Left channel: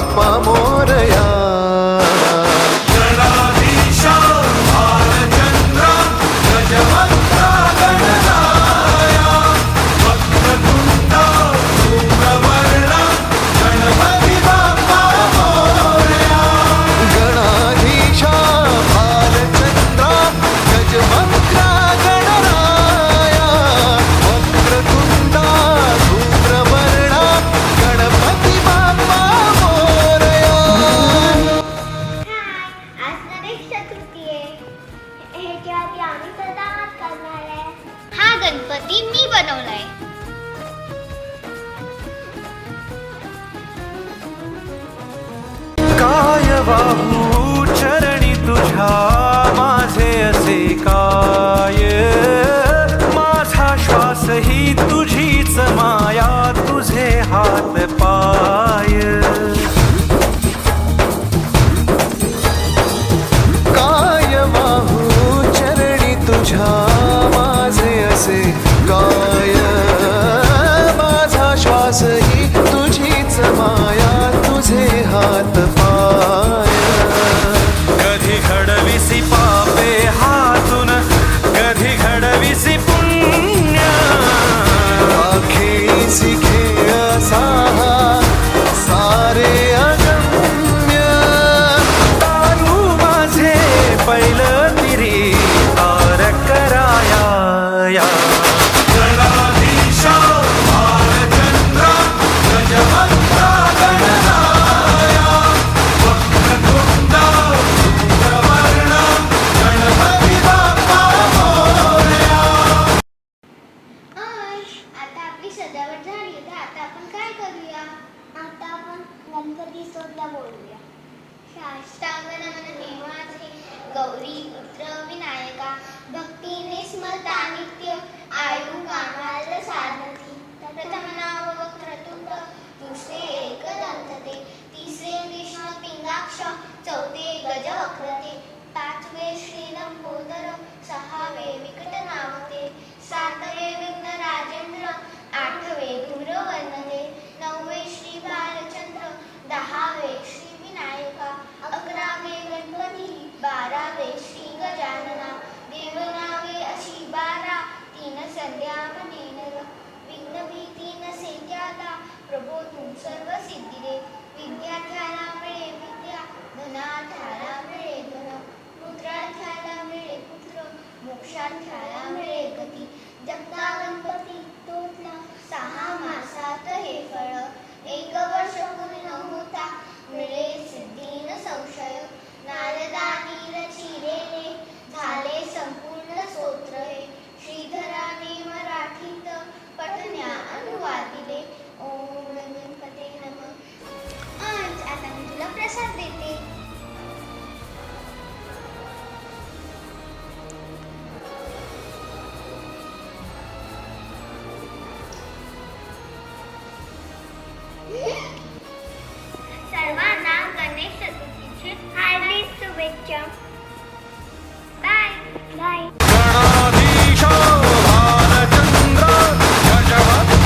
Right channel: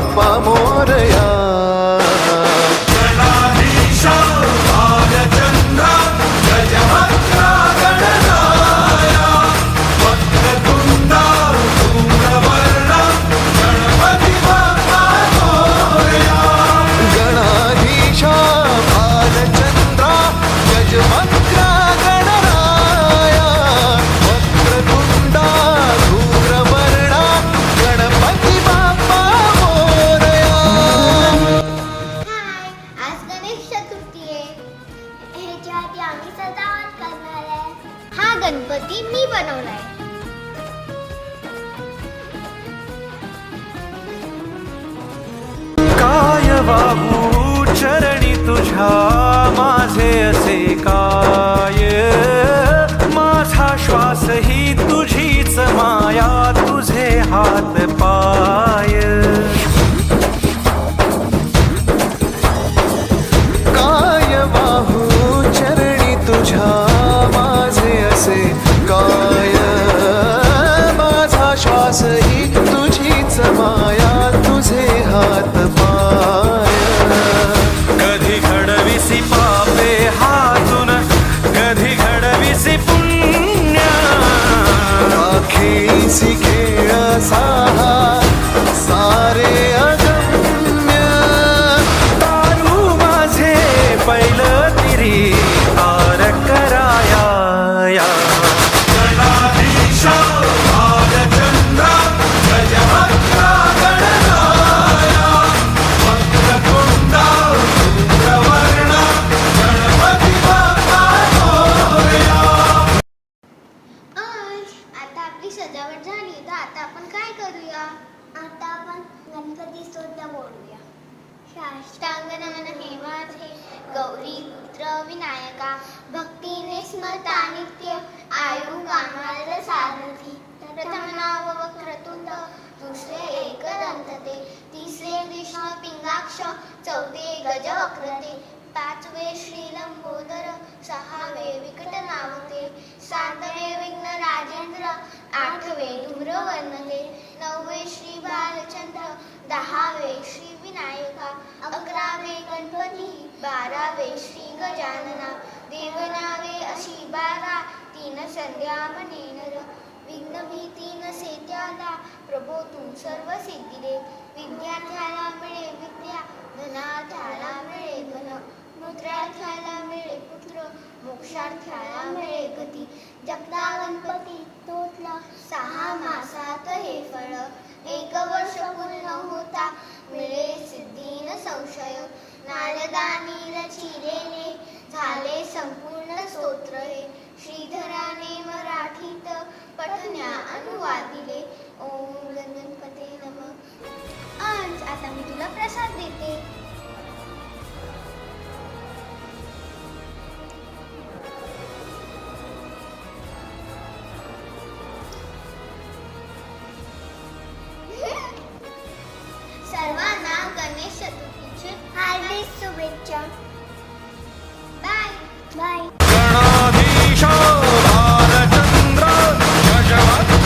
बाप्पा मोरया. गणाधीशा भालचंद्रा गजवक्रा गणराया वक्रतुंडा धूम्रवर्णा गणपती बाप्पा मोरया. आज गणेश चतुर्थी आहे. ह्याच्या आधी आम्ही सजावट करणार आहे. हा गणपती मी बनवलाय. काय वाहू चरणी तुझ्या माझे असे काय. माझा श्वास ही तुझीच माया तुझे हात पाय. काय वाहू चरणी तुझ्या माझे असे काय. माझा श्वास ही तुझीच माया तुझे हात पाय. कधी घडविसी पापे हातून कधी घडविसी पुण्य. खेळीसी खेळ साहा सारे अगम्य. तारू माझे पहिलं तिरी तार कराया. आता आपली सजावट झाली तर आता आपण काय करूया. आता आपण गणपती स्तोत्र बोलूया. साष्टांग नमन माझे गौरी पुत्र विनायका भक्तीने स्मरता नित्य आयु कामाल सारथी. प्रथम नाव वक्रतुंड दुसरे एकदंतते तिसरे विष्णू पिंगाक्ष चौथे गजवक्रते पाचवे श्री लंबोदर सहावे विकट नावते सातवे विघ्न राजेंद्र आठवे धूम्रवर्णने नववे श्री बालचंद्र दहावे श्री विनायका अकरावे गणपती बारावे श्री गजानना देवनावे अशी बारा तीन संध्या मनेनर विघ्न भीती नसे त्याला प्रभो तू सर्व सिद्धिरे विद्यार्थ्याला मिळे विद्या धनार्थ्याला मिळे धन पुत्रार्थ्याला मिळे पुत्र मोक्षार्थ्याला मिळे गती. जगता गणपती तोतला सहा मासात हे फळ एक वर्ष पूर्ण होता मिळे सिद्धी न संशय. नारदानी रचिलेले झाले संपूर्ण स्तोत्र हे श्रीधराने मराठीत पठण्या अनुवादिले. ओम गणपते नमः. आज आता मी तुला प्रसाद देते. सर्वांना गणेश चतुर्थीची हार्दिक शुभेच्छा. Bye bye. गणाधीश भालचंद्र गजवक्र